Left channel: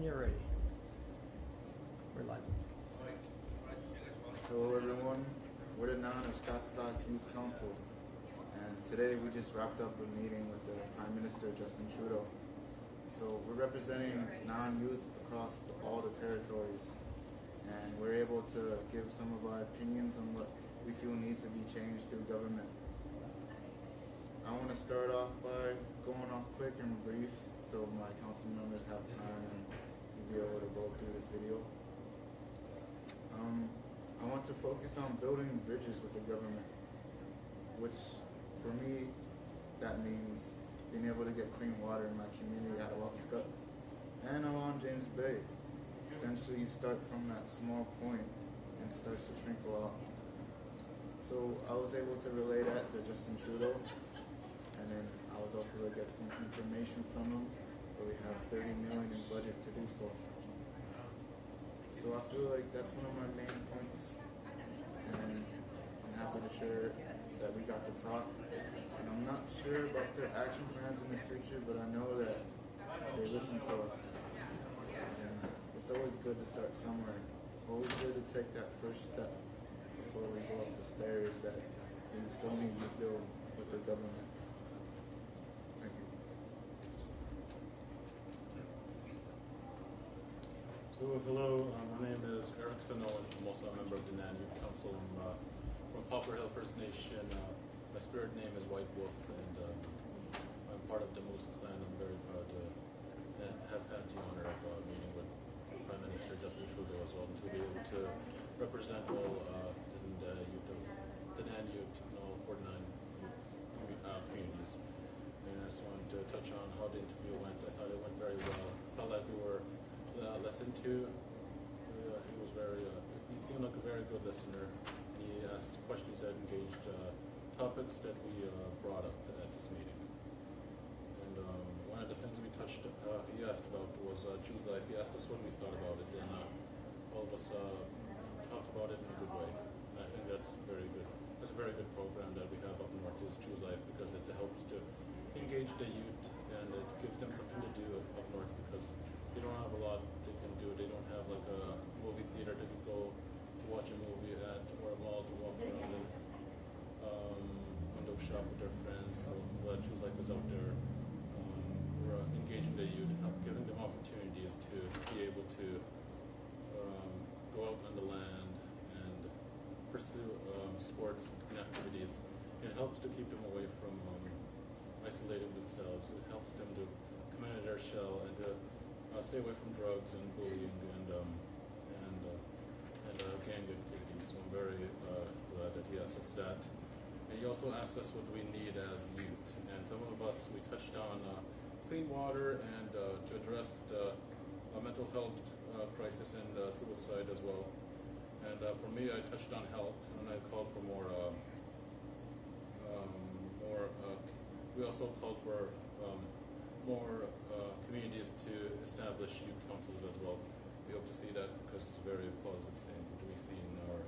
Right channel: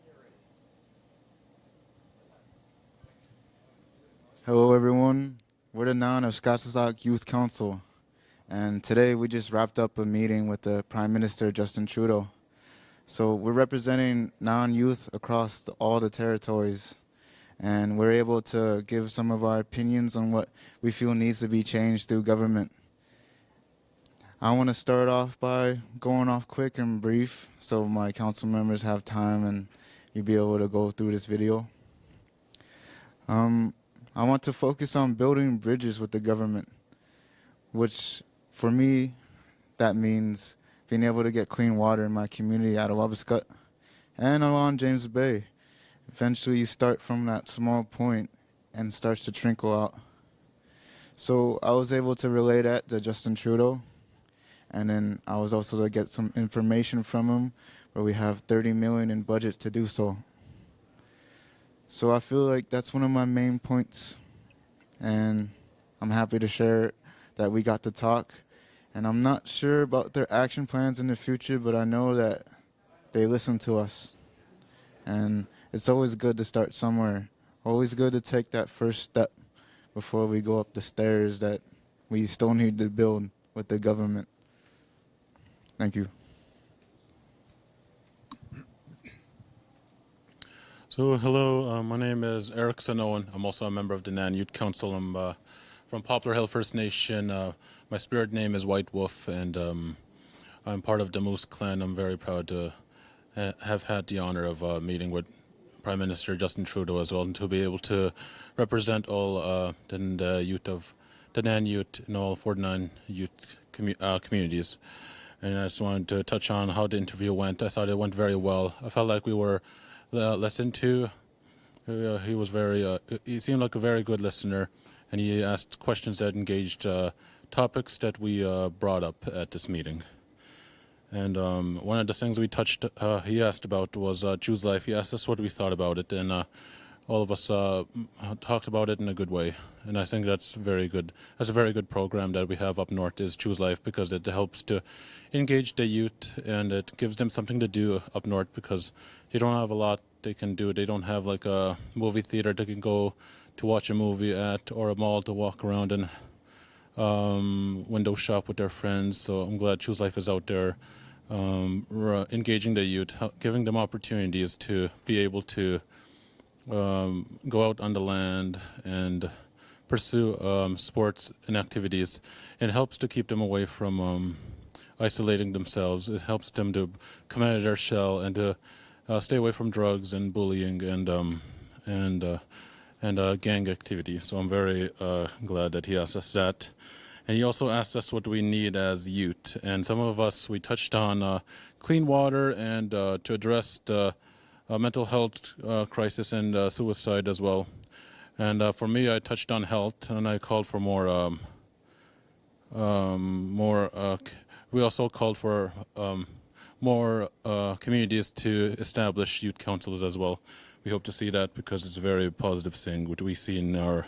when you're ready. We're live. Hello everyone, we're the Oshkaatisak Youth Council, and today we just wrapped up a meeting with the Prime Minister Justin Trudeau. So we're representing non-youth across all the territories, and we're able to give some of our opinions on what we feel needs to be changed through government. I want to start off by going off quick and brief so my council members have time and you'll be able to go through this video. I want to focus on building bridges with the government, which for me, that means being able to get clean water in my community out of Oshkaatisak and along James Bay. Eventually you start from that small point and it starts to trickle out. So I was able to relay that to Justin Trudeau, and then I was also to get some information from him where we have $30 million in budget to do so. So I feel like that's one of my main points, and I'm happy to share that we got to talk. And I'm not sure about their action plans in the future, but I know that they listen to us. And it's always good to start somewhere. Always good to take that first step before we go up the stairs that we still need to build with the government. Thank you. So hello, my name is Eric Owen. I'm also a member of the Nan Youth Council. I'm from Poplar Hill First Nation. My spirit name is White Wolf, and I'm part of the Moose clan. I'm very proud to have had the honor of meeting with Prime Minister Justin Trudeau as well, and to be able to represent all the youth of the Nan Youth and all 49 youth communities. And I just wanted to touch on how the interview went. I thought it went very well. I felt like we were listened to. He was he seemed like a very good listener, and he asked questions that engaged topics that we brought up at this meeting. And one of the things he asked about was Choose Life. He asked us what we thought about it, and all of us talked about it in a good way. And I think that's very good. That's a very good program that we have up north, is Choose Life, because it helps to engage the youth, and it gives them something to do up north, because they don't have a lot they can do. They don't have like a movie theater they can go to watch a movie at, or a mall to walk around and window shop with their friends. So I'm glad Choose Life is out there engaging the youth, giving them opportunities to be able to go out on the land and pursue sports and activities. It helps to keep them away from isolating themselves. It helps them to come out of their shell and to stay away from drugs and bullying and gang activity. So I'm very glad that he asked us that. And he also asked us what we need as youth. And some of us, we touched on clean water and to address the mental health crisis and suicide as well. And for me, I touched on health, and I called for we also called for more communities to establish youth councils as well. We hope to see that, because it's a very positive thing what we see in our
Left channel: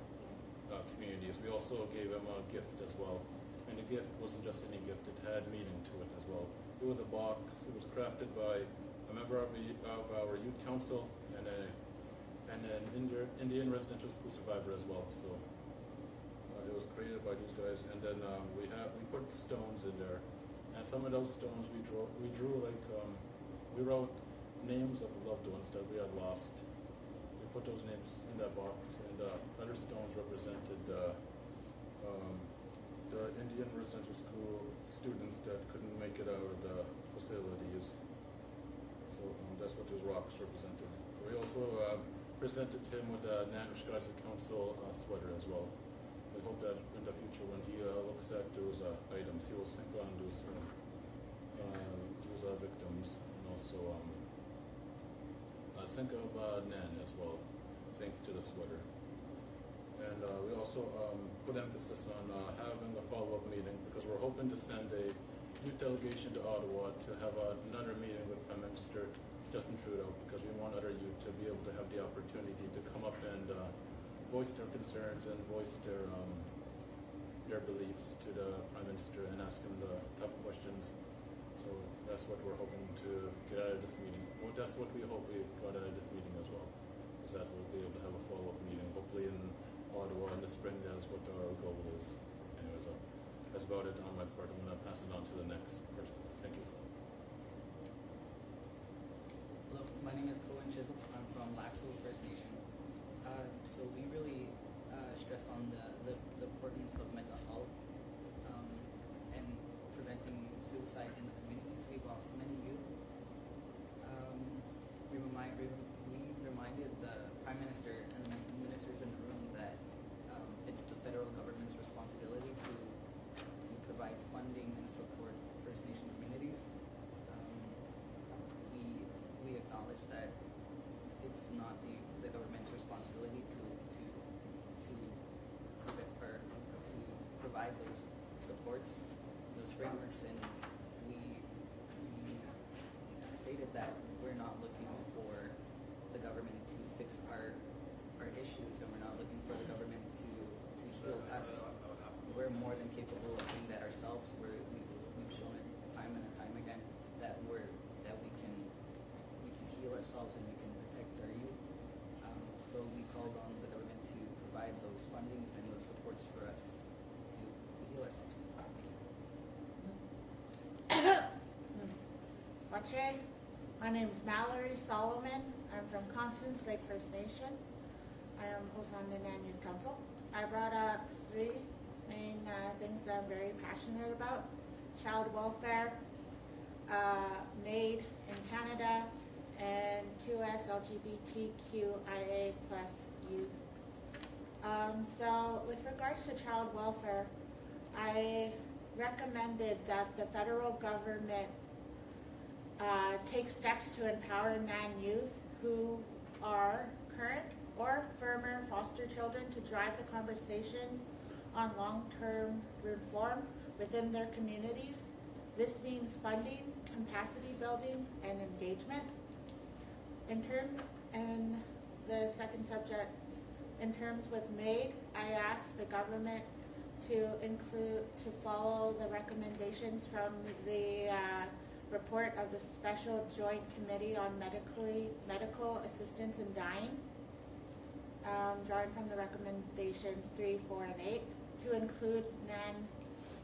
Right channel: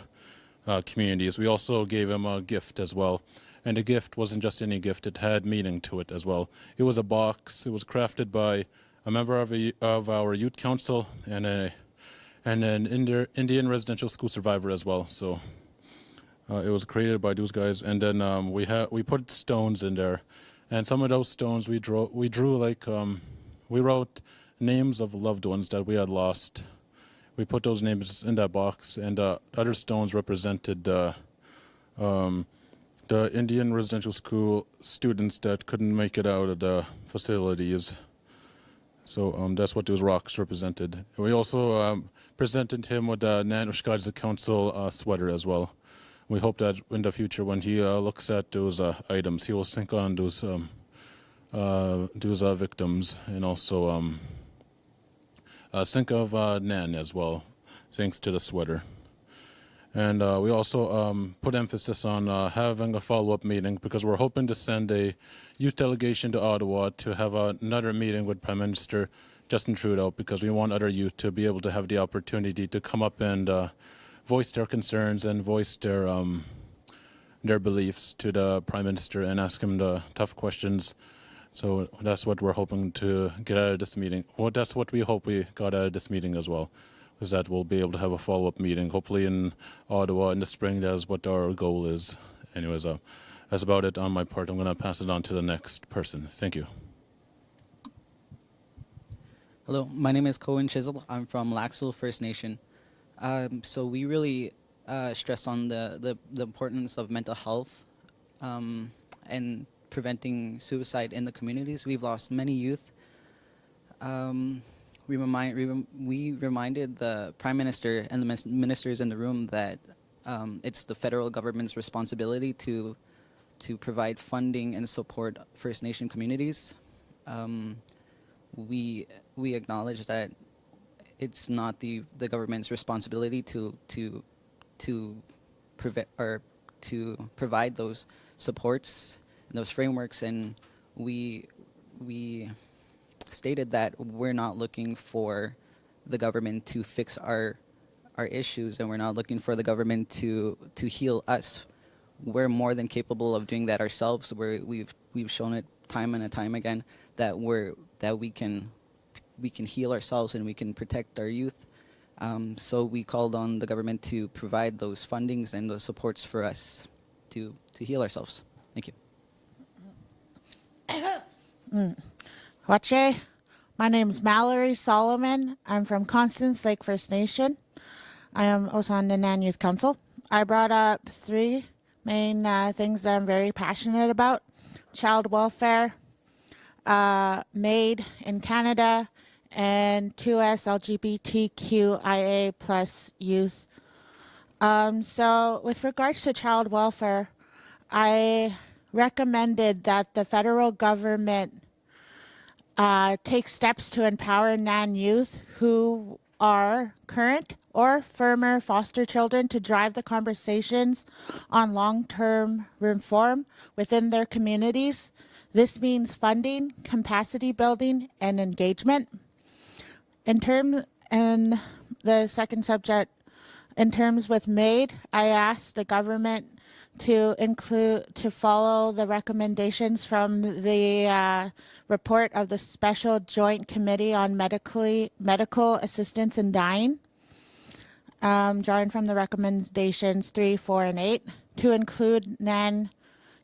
communities. We also gave him a gift as well, and the gift wasn't just any gift, it had meaning to it as well. It was a box. It was crafted by a member of our youth council and an Indian residential school survivor as well. So it was created by those guys, and then we put stones in there, and some of those stones we drew like we wrote names of loved ones that we had lost. We put those names in that box, and other stones represented the Indian residential school students that couldn't make it out of the facilities. So that's what those rocks represented. We also presented him with the Oshkaatisak Council sweater as well. We hope that in the future, when he looks at those items, he will think on those victims, and also think of Nan as well, thanks to the sweater. And we also put emphasis on having a follow-up meeting, because we're hoping to send a youth delegation to Ottawa to have another meeting with Prime Minister Justin Trudeau, because we want other youth to be able to have the opportunity to come up and voice their concerns and voice their beliefs to the Prime Minister, and ask him the tough questions So that's what we're hoping to get out of this meeting. Well, that's what we hope we got out of this meeting as well, is that we'll be able to have a follow-up meeting, hopefully in Ottawa in the spring. That's what our goal is. Anyways, that's about it on my part. I'm going to pass it on to the next person. Thank you. Hello, my name is Cohen. I'm from Laxal First Nation. So we really stress on the importance of mental health and preventing suicide in the communities. We've lost many youth. We reminded the Prime Minister and the ministers in the room that it's the federal government's responsibility to provide funding and support First Nation communities. We acknowledge that it's not the government's responsibility to provide those supports and those frameworks, and we stated that we're not looking for the government to fix our issues, and we're not looking for the government to heal us. We're more than capable of doing that ourselves. We've shown it time and time again that we can heal ourselves and we can protect our youth. So we called on the government to provide those fundings and those supports for us to heal ourselves. Thank you. Wache, my name is Mallory Solomon. I'm from Constance Lake First Nation. I am also on the Nan Youth Council. I brought up three main things that I'm very passionate about: child welfare, MAID in Canada, and 2S LGBTQIA plus youth. So with regards to child welfare, I recommended that the federal government take steps to empower Nan youth who are current or former foster children to drive the conversations on long-term reform within their communities. This means funding, capacity building, and engagement. And the second subject, in terms with MAID, I asked the government to follow the recommendations from the report of the Special Joint Committee on Medical Assistance in Dying, drawing from the recommendations 3, 4, and 8, to include Nan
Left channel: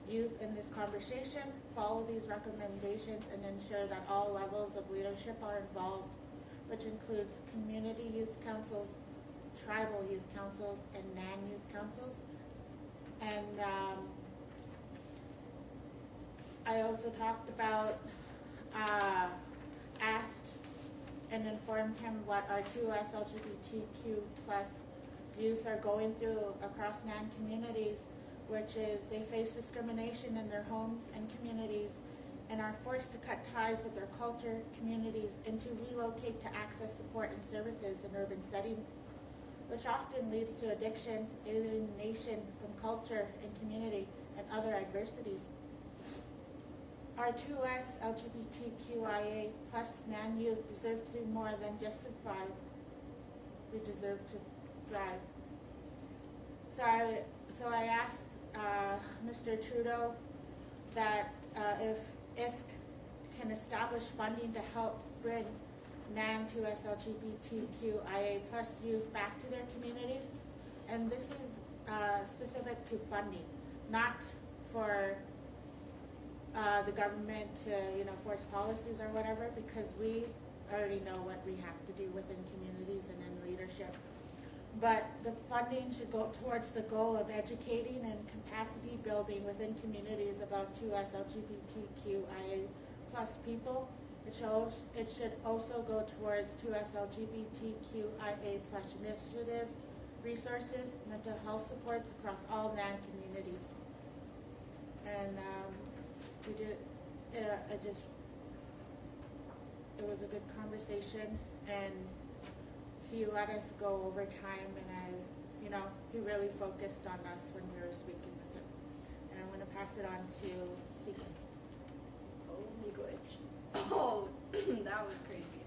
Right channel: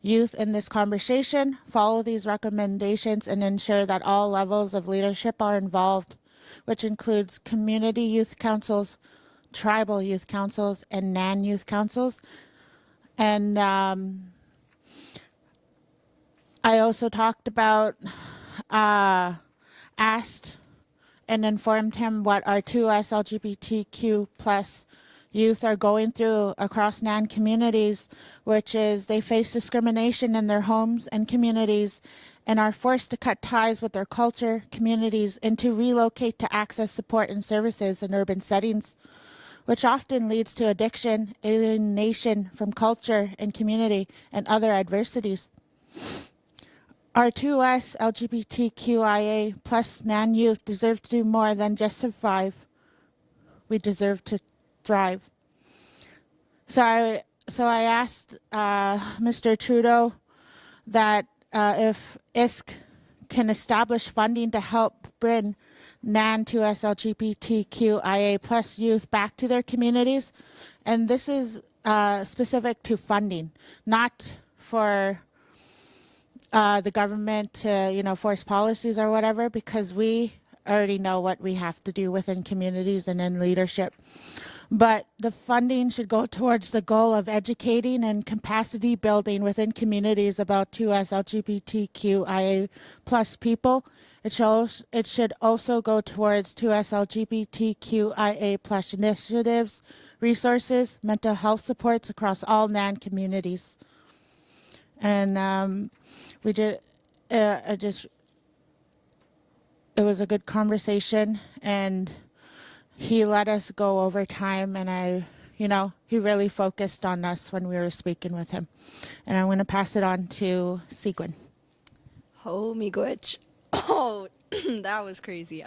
youth in this conversation, follow these recommendations, and ensure that all levels of leadership are involved, which includes community youth councils, tribal youth councils, and Nan youth councils. And I also talked about, asked and informed him what our 2S LGBTQ plus youth are going through across Nan communities, which is they face discrimination in their homes and communities and are forced to cut ties with their culture, communities, and to relocate to access support and services in urban settings, which often leads to addiction, alienation from culture and community, and other adversities. Our 2S LGBTQIA plus Nan youth deserve to do more than just survive. We deserve to thrive. So I asked Mr. Trudeau that if ISK can establish funding to help bring Nan 2S LGBTQIA plus youth back to their communities. And this is specific to funding, not for the government to, force policies or whatever, because we already know what we have to do within communities and in leadership. But the funding should go towards the goal of educating and capacity building within communities about 2S LGBTQIA plus people. It should also go towards 2S LGBTQIA plus initiatives, resources, mental health supports across all Nan communities. And it was a good conversation, and he let us go over time, and he really focused on us when we were speaking with him. And I'm going to pass it on to TAAquaten. Oh, me gwitch. Oh, that was crazy.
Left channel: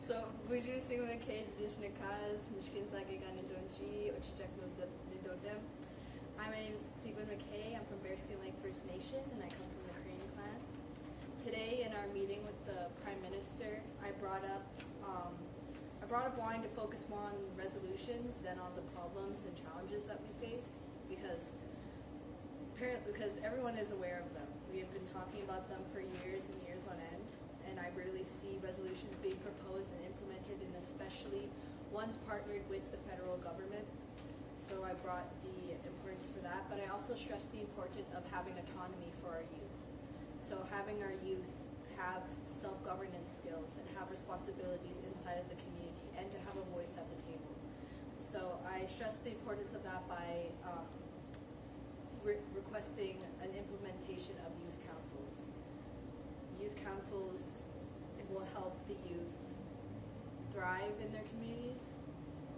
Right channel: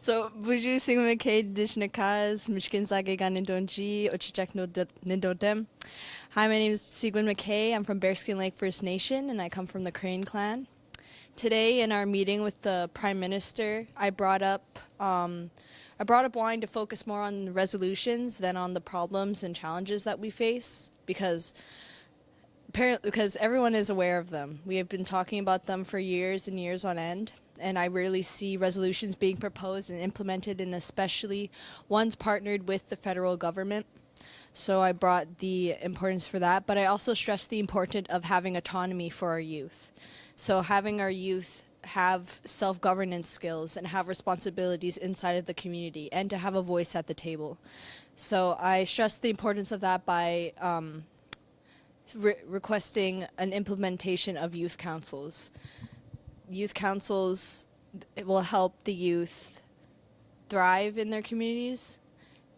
So, Buju Singmakay Dishnakaz, Mishkin Sage Ganindonji, Ochichak Nindodem. Hi, my name is TAAquaten McKay. I'm from Bearskin Lake First Nation, and I come from the Crane clan. today in our meeting with the Prime Minister, I brought up wanting to focus more on resolutions than on the problems and challenges that we face, because everyone is aware of them. We have been talking about them for years and years on end, and I rarely see resolutions being proposed and implemented, and especially ones partnered with the federal government. So I brought the importance for that, but I also stressed the importance of having autonomy for our youth. So having our youth have self-governance skills and have responsibilities inside of the community and to have a voice at the table. So I stressed the importance of that by requesting an implementation of youth councils. Youth councils, it will help the youth thrive in their communities,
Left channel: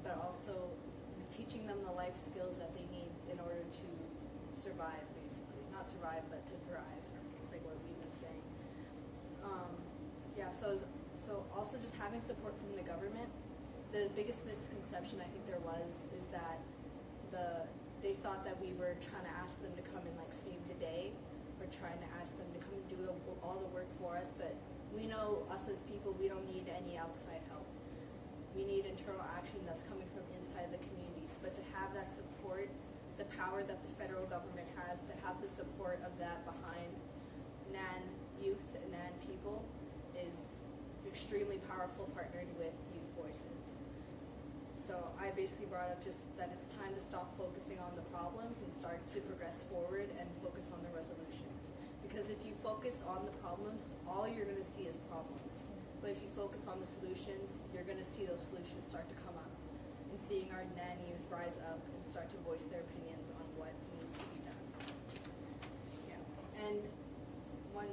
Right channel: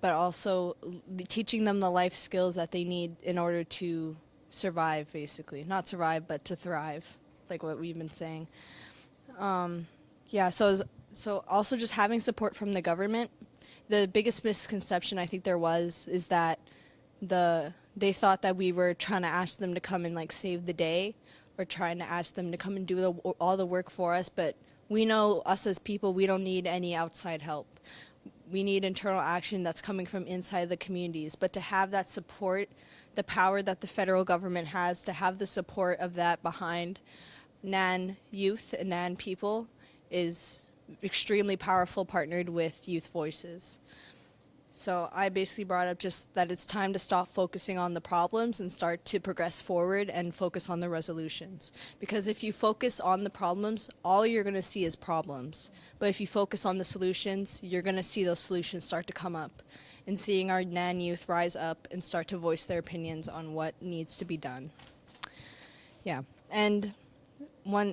but also teaching them the life skills that they need in order to survive, basically. Not survive, but to thrive, like what we've been saying. So also just having support from the government. The biggest misconception I think there was is that they thought that we were trying to ask them to come and like save the day, or trying to ask them to come and do all the work for us, but we know, us as people, we don't need any outside help. We need internal action that's coming from inside the communities. But to have that support, the power that the federal government has, to have the support of that behind NAN youth and NAN people is extremely powerful, partnered with youth voices. So I basically brought up just that it's time to stop focusing on the problems and start to progress forward and focus on the resolutions. Because if you focus on the problems, all you're going to see is problems. But if you focus on the solutions, you're going to see those solutions start to come up. And seeing our NAN youth rise up and start to voice their opinions on what needs to be done. Yeah, and while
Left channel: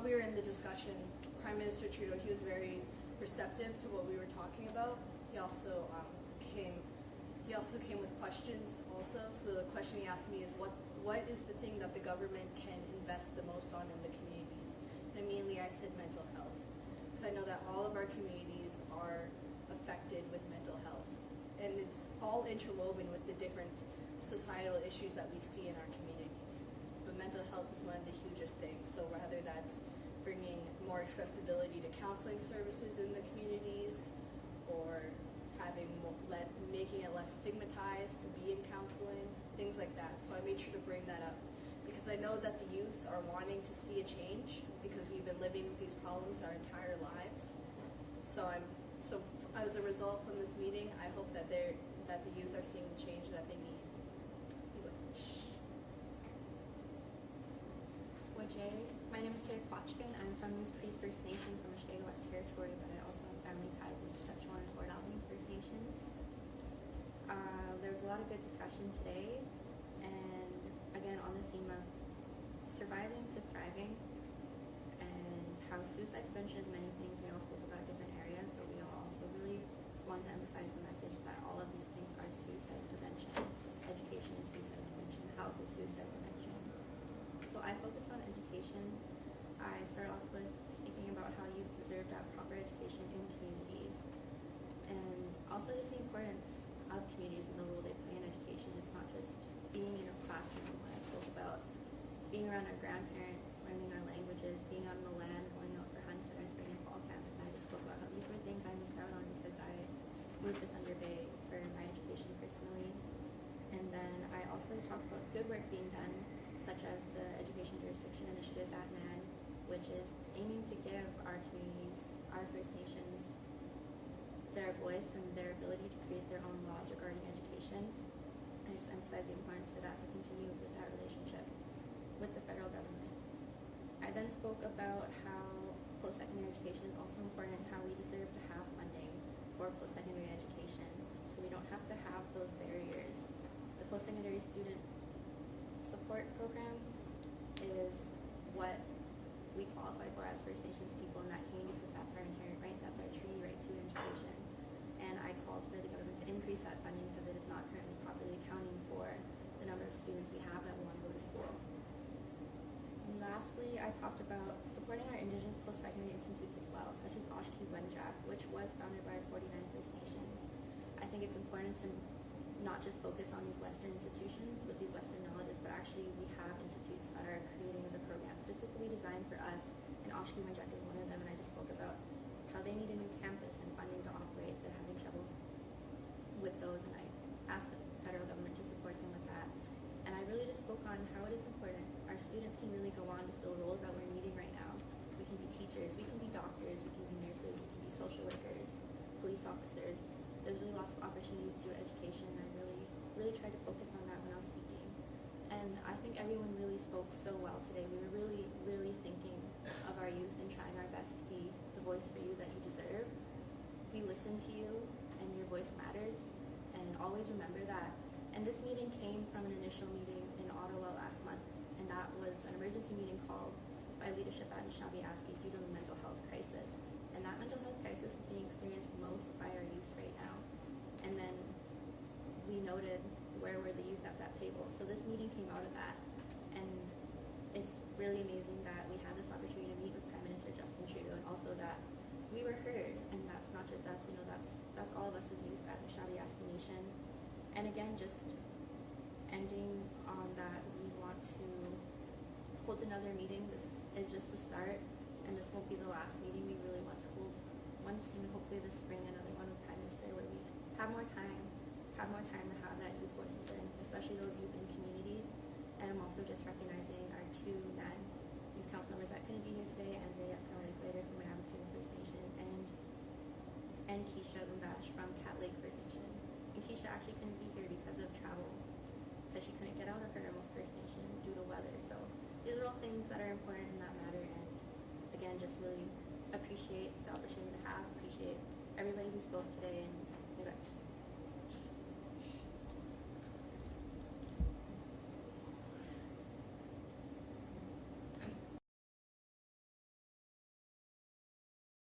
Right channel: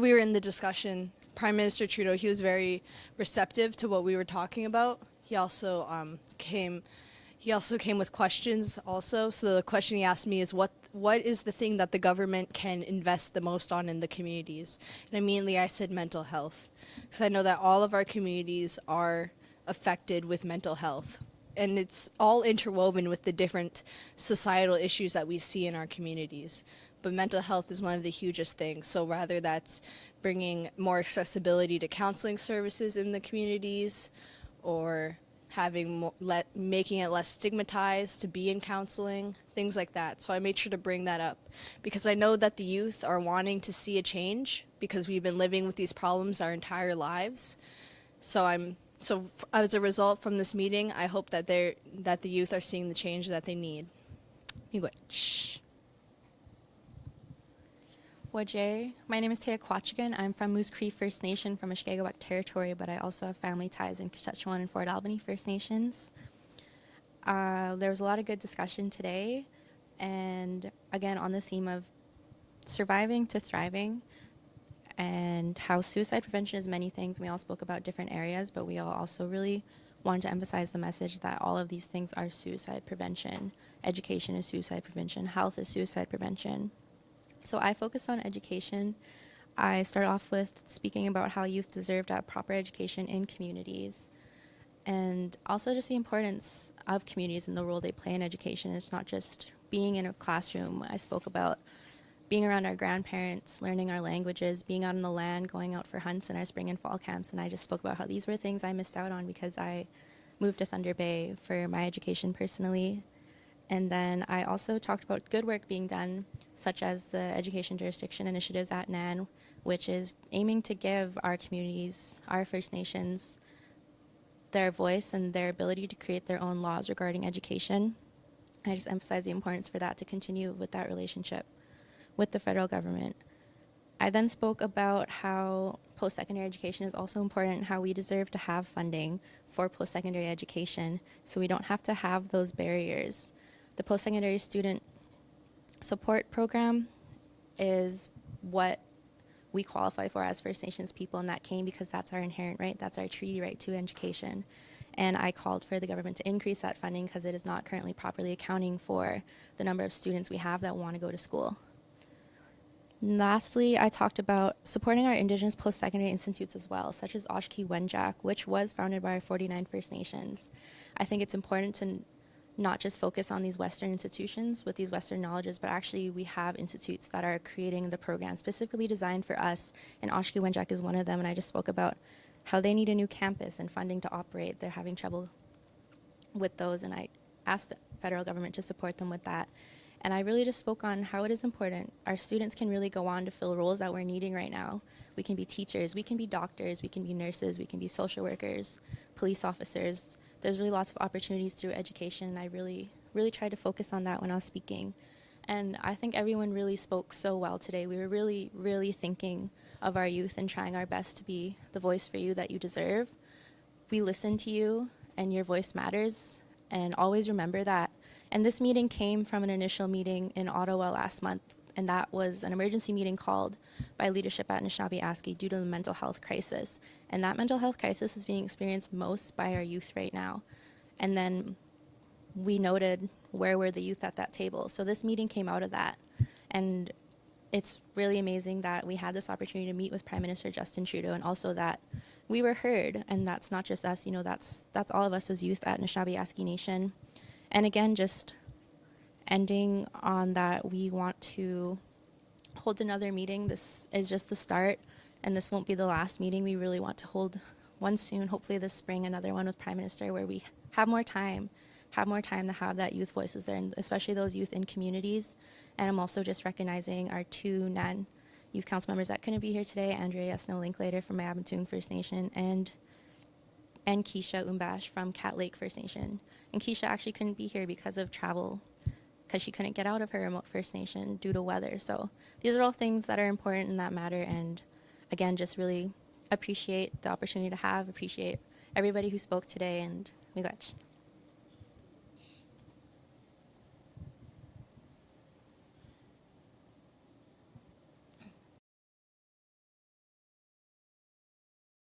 we were in the discussion, Prime Minister Trudeau, he was very receptive to what we were talking about. He also came with questions also. So the question he asked me is, what is the thing that the government can invest the most on in the communities? And immediately I said mental health, because I know that all of our communities are affected with mental health, and it's all interwoven with the different societal issues that we see in our communities. But mental health is one of the hugest things. So rather that's bringing more accessibility to counseling services in the communities, or making it less stigmatized to be in counseling, things like that. So I made sure to bring that up, because I know that the youth are wanting to see a change, because we've been living with these problems our entire lives. So as a result from this meeting, I hope that the youth are seeing the change that they need. Shh. Wajay. My name is TAAquaten. I'm from Moose Cree First Nation from Oshkaatisak territory, but I also have family ties in Saskatchewan and Fort Albany First Nations. There was a lot of good discussion today, and again on the theme of surviving to thriving, and how suicide prevention is many things. We all spoke about different areas, but we all also really wanted to emphasize the message that all of these things are suicide prevention. Education is suicide prevention. Health is suicide prevention. So I focused on education. I started off with speaking about how youth deserve to have proper education in communities, and also just the importance of communities and the role they play in education. It's not just being in a classroom. I spoke about being around our grandparents, learning our languages, being out on the land, going out for hunts in our spring and fall camps, and I just spoke about how these were things I missed out on because I moved to Thunder Bay for my education personally. And then I also talked about good work being done, such as the Education Jurisdiction Initiatives at NAN, which is aiming to give our communities, our First Nations, their voice and their ability to create their own laws regarding education. I just emphasize the importance for that to continue with that relationship with the federal government. I then spoke about how post-secondary education is also important, how we deserve to have funding for post-secondary education so we don't have to have those barriers. The post-secondary student support program is what we qualify for as First Nations people, and that came because that's our inherent right, that's our treaty right to education. And I called for the government to increase that funding because it is not currently properly accounting for the number of students we have that want to go to school. And lastly, I talked about supporting our Indigenous post-secondary institutes as well, such as Oshkaatisak, which was founded by our 49 First Nations. I think it's important to not just focus on these Western institutions with these Western knowledges, but actually we have institutes that are creating the programs specifically designed for us, and Oshkaatisak is one of them, and I just spoke about how they need a new campus and funding to operate. They're having trouble with those, and I asked the federal government to support them with that. And I really just spoke on how it is important. Our students can really go on to fill roles that we're needing right now. We can be teachers, we can be doctors, we can be nurses, we can be social workers, police officers. There's really lots of opportunities through education. I really tried to focus on that when I was speaking. And I think everyone really spoke so well today. We were really thinking of our youth and trying our best to be the voice for you that you deserve. We listen to you, and your voice matters, and always remember that. And this meeting came from an initial meeting in Ottawa last month, and that was an emergency meeting called by leadership at Anishinaabe due to the mental health crisis. And that mental health crisis is being experienced most by our youth right now. And then we noted where were the youth at that table. So this meeting came out of that. And it's really amazing that we had this opportunity to meet with Prime Minister Justin Trudeau, and also that we were heard. And that's not just us, that's all of us as youth at Anishinaabe Nation. And again, just ending on that, we want to hold another meeting. This is just the start, and this won't be the last meeting. We really want to hold one soon, hopefully this spring, another one with Prime Minister, where we have more time to have that youth voices there, and especially those youth in communities. And I'm also just recognizing our two Nan Youth Council members that couldn't be here today, Andrea Snow Linklater from Mayabantung First Nation, and Keisha Umbash from Cat Lake First Nation. And Keisha actually couldn't be here because of travel, because she couldn't get out of her remote First Nation due to weather. So these are all things that are important and that matter. And again, just really appreciate the opportunity to appreciate everybody who spoke today, and miigwech.